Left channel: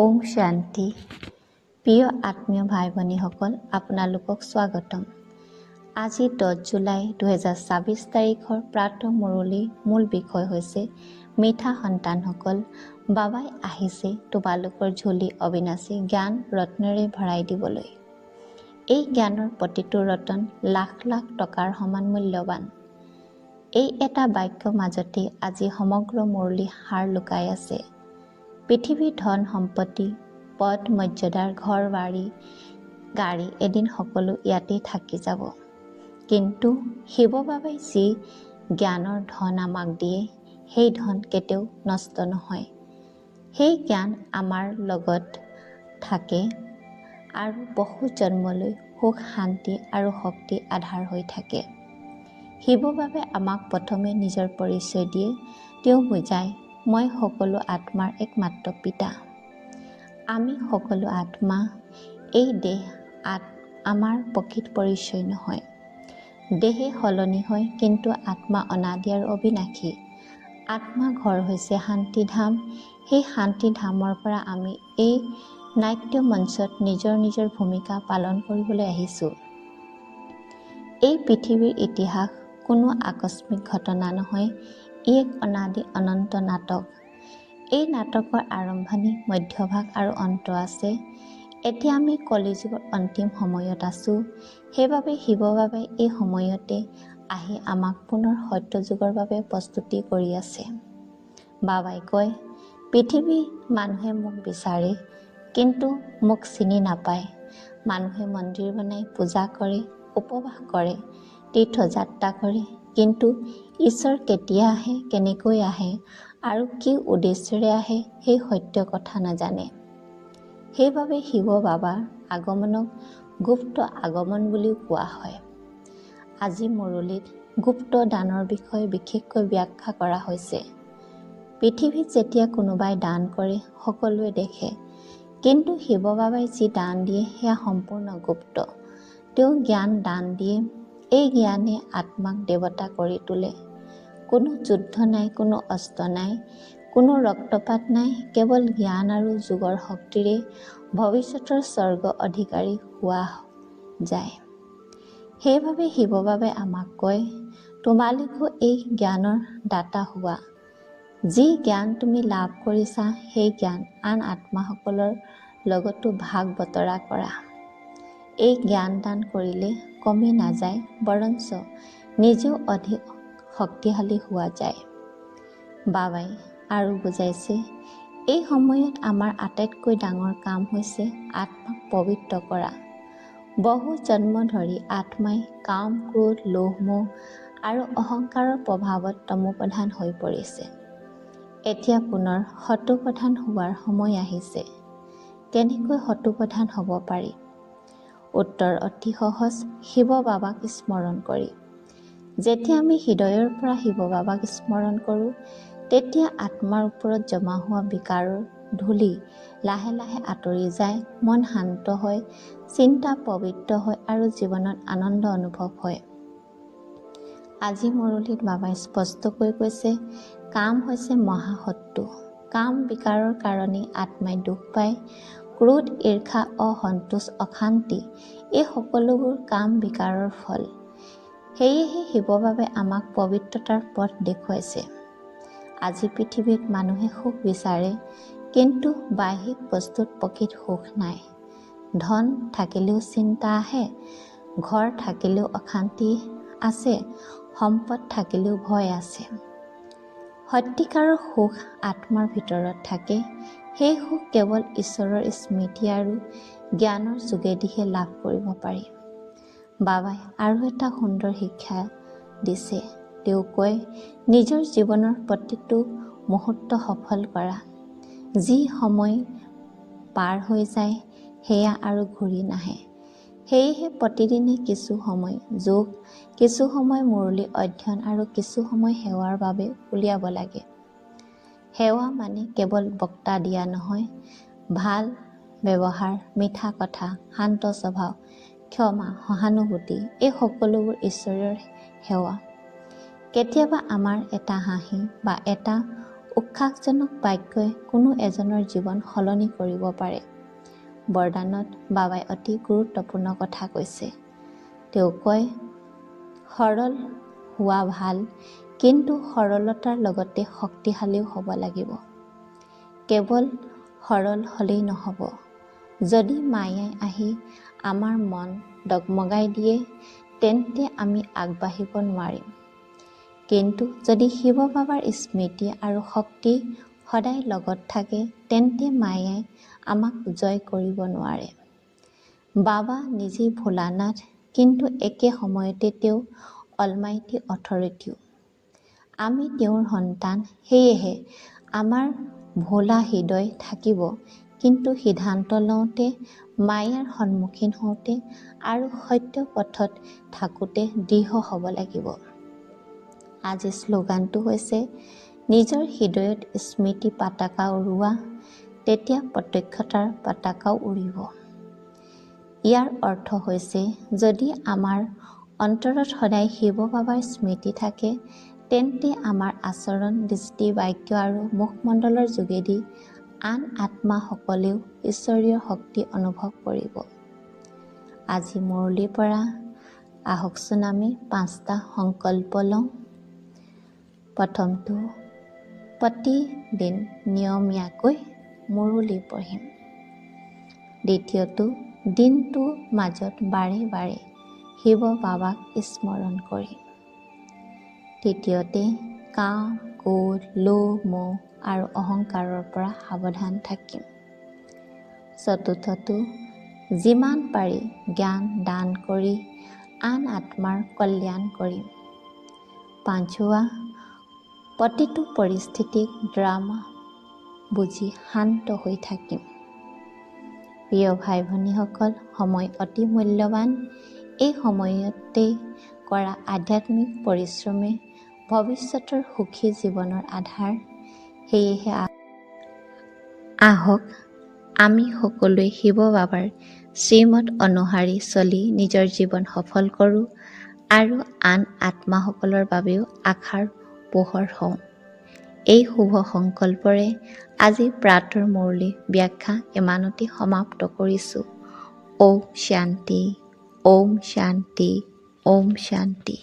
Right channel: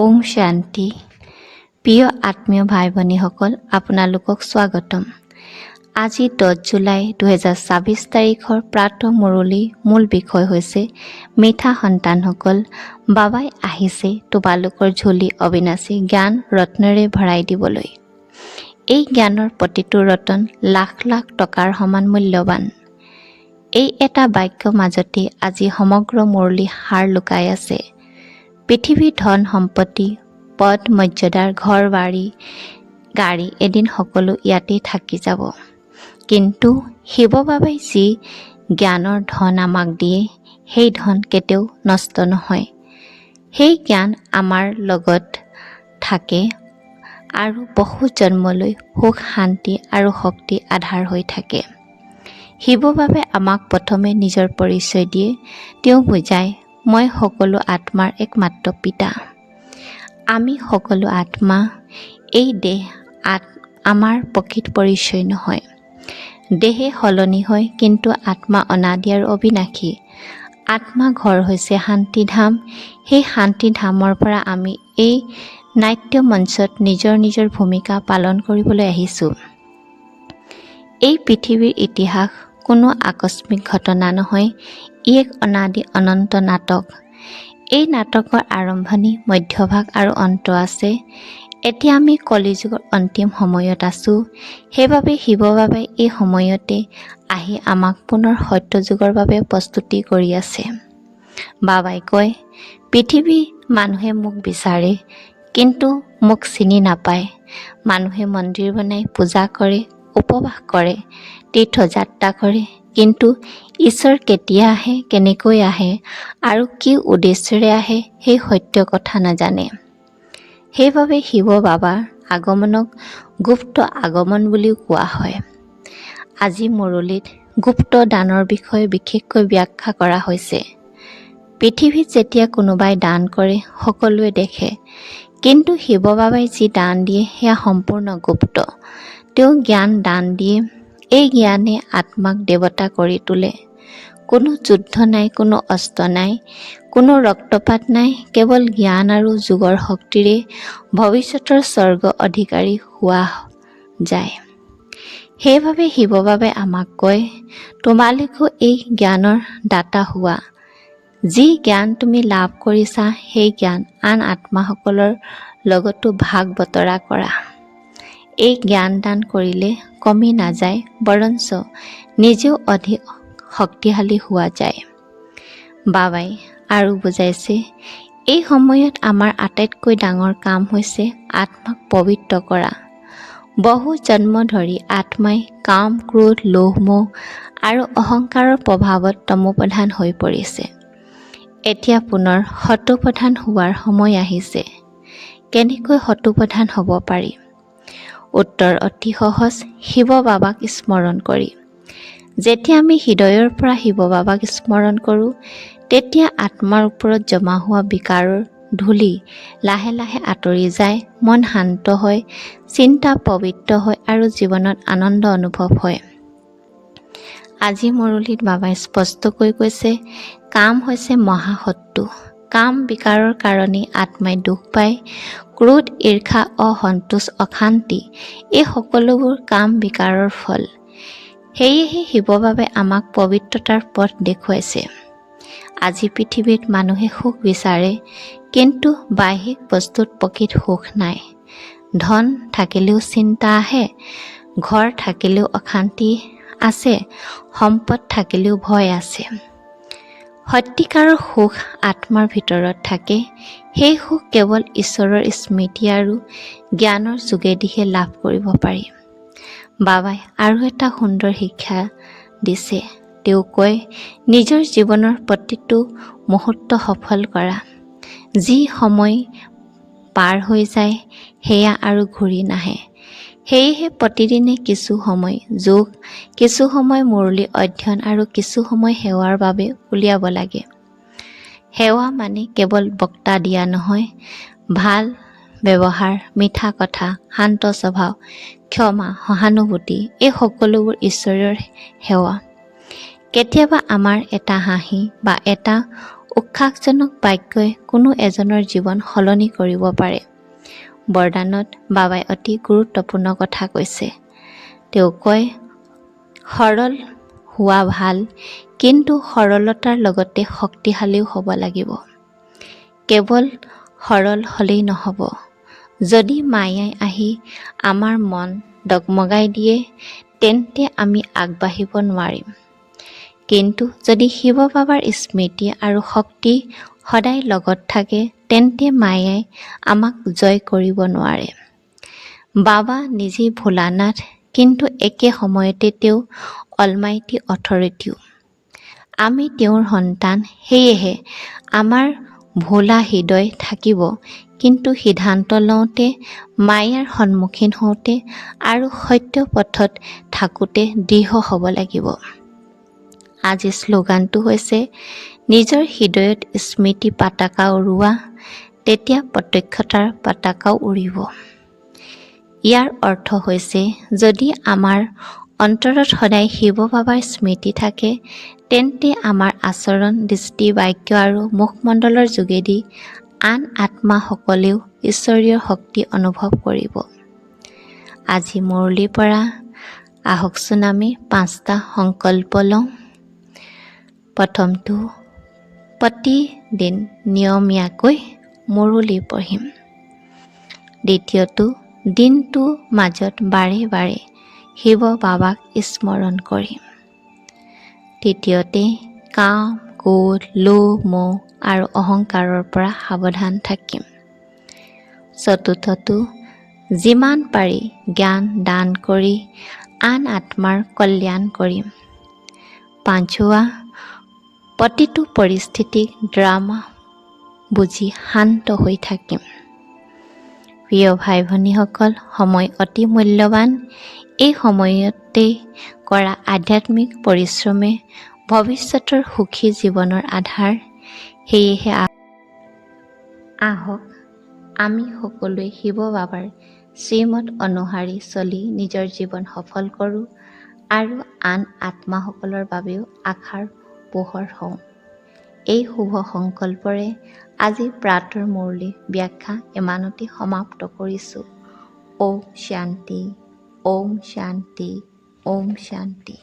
ওম শান্তি। প্ৰিয় আত্মীয় ভাই ভনীসকল, আপোনালোকক স্বাগতম। আজি 10 জুলাই 2024 তাৰিখৰ প্ৰাতঃ মুৰলী মূল বিষয় হৈছে মিঠা সন্তানসকল, বাবাই আহিছে তোমালোকৰ ঝুলি অবিনাশী জ্ঞান ৰত্নেৰে ভৰাই দিবলৈ। এই জ্ঞানৰ প্ৰতিটো ৰতন লাখ লাখ টকাৰ সমান মূল্যৱান। এই এটা বাক্যৰ মাজতে আজি সমগ্ৰ মুৰলী সাৰ লুকাই আছে। পৃথিৱীৰ ধন সম্পত্তি, পদ মৰ্যাদাৰ, ঘৰ বাৰী, গাড়ী এদিন সকলো ইয়াতেই থাকি যাব। কিন্তু শিৱ বাবাই যি জ্ঞানৰ ধন আমাক দিয়ে, সেই ধন কেতিয়াও নষ্ট নহয়। সেই জ্ঞান আমাৰ লগত থাকে আৰু বহু জন্মলৈ সুখ শান্তি আৰু শক্তি আধাৰ হৈ থাকে। শিৱ বাবাই আমাক প্ৰথমে নিজৰ পৰিচয় দিয়ে। তেওঁ বুজায়, মই সকলো আত্মাৰ একমাত্ৰ পিতা। আমি সকলো আত্মা। এই দেহ আমাৰ প্ৰকৃত পৰিচয় নহয়। দেহে সলনি হয়, কিন্তু আত্মা অনাদি আৰু অবিনাশী। আত্মা ঘৰ হৈছে শান্তিধাম। সেই শান্তিধামৰ পৰা আমি এই নাট্য মঞ্চত নিজৰ নিজৰ ভূমিকা পালন কৰিবলৈ আহিছোঁ। এই পৃথিৱীৰ ইতিহাস কোনো আকস্মিক ঘটনা নহয়, ই এক অনাদি অনন্ত নাটক। এই নাটকৰ আৰম্ভণি, মধ্যভাগ আৰু অন্ত আছে। এতিয়া আমি কলিযুগৰ অন্তিম সময়ত আছোঁ। সেইবাবে শিৱ বাবাই এই সময়তে আহি আমাক পুনৰ সত্যযুগৰ বাবে প্ৰস্তুতি কৰি আছে। বাবাই কয়, পৃথিৱীৰ মানুহে মোক বিচাৰে, কিন্তু মোক চিনি নাপায়। মানুহে মন্দিৰ বনাই পূজা কৰে, উপবাস কৰে, তীৰ্থযাত্ৰা কৰে, কিন্তু ঈশ্বৰ কেতিয়া আহে, কেনেকৈ আহে আৰু কি উদ্দেশ্যেৰে আহে, সেই সত্য কথা নাজানে। সেইবাবে শিৱ বাবাৰ আগমনক গুপ্ত আগমন বুলিও কোৱা হয়। আজি মুৰলীত গুপ্ত দানৰ বিষয়ে বিশেষকৈ ব্যাখ্যা কৰা হৈছে। পৃথিৱীত যেতিয়া কোনোবাই দান কৰে, সকলোৱে দেখে, কিন্তু শিৱ বাবাই যি দান দিয়ে সেয়া সম্পূৰ্ণ গুপ্ত। তেওঁ জ্ঞান দান দিয়ে। এই জ্ঞানে আত্মাক দেৱতা কৰি তোলে। কোনো যুদ্ধ নাই, কোনো অস্ত্ৰ নাই, কোনো ৰক্তপাত নাই, কেৱল জ্ঞান আৰু যোগৰ শক্তিৰে ভৱিষ্যতৰ স্বৰ্গ অধিকাৰী হোৱা যায়। সেইবাবে শিৱ বাবাই আমাক কয়, তোমালোকেও এই জ্ঞানৰ দাতা হোৱা। যি জ্ঞান তুমি লাভ কৰিছা, সেই জ্ঞান আন আত্মাসকলৰ লগতো ভাগ বতৰা কৰা। এই জ্ঞান দান কৰিলে কমি নাযায়, বৰঞ্চ নিজেও অধিক শক্তিশালী হোৱা যায়। বাবাই আৰু বুজাইছে, এই সময়ত আমাৰ আটাইতকৈ ডাঙৰ কাম হৈছে আত্মাক পবিত্ৰ কৰা। বহু জন্ম ধৰি আত্মাই কাম, ক্ৰোধ, লোভ, মোহ আৰু অহংকাৰৰ প্ৰভাৱত তমোপ্ৰধান হৈ পৰিছে। এতিয়া পুনৰ সতোপ্ৰধান হোৱাৰ সময় আহিছে। কেনেকৈ সতোপ্ৰধান হ'ব পাৰি? উত্তৰ অতি সহজ, শিৱ বাবাক স্মৰণ কৰি। যেতিয়া আমি হৃদয়ৰ পৰা শিৱ বাবাক স্মৰণ কৰোঁ, তেতিয়া আত্মাৰ ওপৰত জমা হোৱা বিকাৰৰ ধূলি লাহে লাহে আঁতৰি যায়, মন শান্ত হয়, চিন্তা পবিত্ৰ হয় আৰু জীৱনত আনন্দ অনুভৱ হয়। আজি মুৰলীত বাবাই স্পষ্টকৈ কৈছে, কাম হৈছে মহাশত্ৰু। কাম বিকাৰৰ কাৰণেই আত্মাই দুখ পায়। ক্ৰোধ, ঈৰ্ষা, অসন্তোষ, অশান্তি, এই সকলোবোৰ কাম বিকাৰৰ ফল। সেয়েহে শিৱ বাবাই আমাক পবিত্ৰতাৰ পথ দেখুৱাইছে। আজি পৃথিৱীত মানুহে সুখ বিচাৰে, কিন্তু বাহ্যিক বস্তুত প্ৰকৃত সুখ নাই। ধন থাকিলেও চিন্তা আহে, ঘৰ থাকিলেও অশান্তি আছে, সম্পদ থাকিলেও ভয় আছে। সত্যিকাৰৰ সুখ আত্মাৰ ভিতৰত থাকে। সেই সুখ কেৱল ঈশ্বৰৰ স্মৃতি আৰু জ্ঞানৰ যোগেদিহে লাভ কৰিব পাৰি। বাবাই আৰু এটা সুন্দৰ শিক্ষা দিছে। তেওঁ কয়, নিজৰ জীৱনৰ প্ৰতিটো মুহূৰ্ত সফল কৰা। যি সময় পাৰ হৈ যায়, সেয়া আৰু ঘূৰি নাহে। সেয়েহে প্ৰতিদিনে কিছু সময় যোগ, কিছু সময় মুৰলী অধ্যয়ন আৰু কিছু সময় সেৱাৰ বাবে উলিয়াব লাগে। সেৱা মানে কেৱল বক্তা দিয়া নহয়, ভাল ব্যৱহাৰ, মিঠা কথা, শান্ত স্বভাৱ, ক্ষমা, সহানুভূতি, এই সকলোবোৰ ঈশ্বৰৰ সেৱা। কেতিয়াবা আমাৰ এটা হাঁহি বা এটা উৎসাহজনক বাক্যই কোনো এজনৰ জীৱন সলনি কৰিব পাৰে। বৰদানত বাবাই অতি গুৰুত্বপূৰ্ণ কথা কৈছে। তেওঁ কয়, সৰল হোৱা ভাল, কিন্তু সৰলতাৰ লগতে শক্তিশালীও হ'ব লাগিব। কেৱল সৰল হ'লেই নহ'ব। যদি মায়াই আহি আমাৰ মন ডগমগাই দিয়ে, তেন্তে আমি আগবাঢ়িব নোৱাৰিম। কিন্তু যদি শিৱ বাবাৰ স্মৃতি আৰু শক্তি সদায় লগত থাকে, তেন্তে মায়াই আমাক জয় কৰিব নোৱাৰে। বাবা নিজেই ভোলানাথ, কিন্তু একে সময়তে তেওঁ অলমাইটি অথৰিটিও। আমি তেওঁৰ সন্তান, সেয়েহে আমাৰ ভোলা হৃদয় থাকিব, কিন্তু সিদ্ধান্ত লওঁতে, মায়াৰ সন্মুখীন হওঁতে আৰু সত্য পথত থাকোঁতে দৃঢ় হ'ব লাগিব। আজি শ্লোগানটো হৈছে, নিজৰ হৃদয়ত স্মৃতি পতাকা উৰুৱা, তেতিয়া প্ৰত্যক্ষতাৰ পতাকাও উৰিব। ইয়াৰ অৰ্থ হৈছে, যদি আমাৰ অন্তৰত সদায় শিৱ বাবাৰ স্মৃতি থাকে, তেন্তে আমাৰ আচৰণ, দৃষ্টি, বাক্য আৰু মুখমণ্ডলৰ যোগেদি আন আত্মাসকলেও ঈশ্বৰীয় শক্তি অনুভৱ কৰিব। আজি মুৰলীৰ পৰা আহকচোন আমি 5টা সংকল্প লওঁ। প্ৰথমটো, প্ৰতিদিন নিয়মীয়াকৈ মুৰলী পঢ়িম। দ্বিতীয়টো, দিনটোৰ মাজত বাৰে বাৰে শিৱ বাবাক স্মৰণ কৰিম। তৃতীয়তে, কাম, ক্ৰোধ, লোভ, মোহ আৰু অহংকাৰৰ পৰা সাৱধান থাকিম। চতুৰ্থটো, যিমান পাৰি জ্ঞান দান কৰি আন আত্মাৰ কল্যাণ কৰিম। পাঁচৱা, প্ৰতিটো পৰিস্থিতিক ড্ৰামা বুজি শান্ত হৈ থাকিম। প্ৰিয় ভাই ভনীসকল, সময় অতি মূল্যৱান। এই সময়তে কৰা আধ্যাত্মিক পৰিশ্ৰমে ভৱিষ্যতৰ সুখী জীৱনৰ আধাৰ। সেয়েহে আহক আমি সকলোৱে শিৱ বাবাৰ শ্ৰীমত অনুসৰি চলি নিজৰ জীৱন সফল কৰোঁ আৰু আন আত্মাসকলৰ বাবেও আশাৰ পোহৰ হওঁ। এই শুভ সংকল্পৰে আজি প্ৰাতঃ মুৰলী ব্যাখ্যা ইমানতে সমাপ্ত কৰিছোঁ। ওম শান্তি, ওম শান্তি, ওম শান্তি।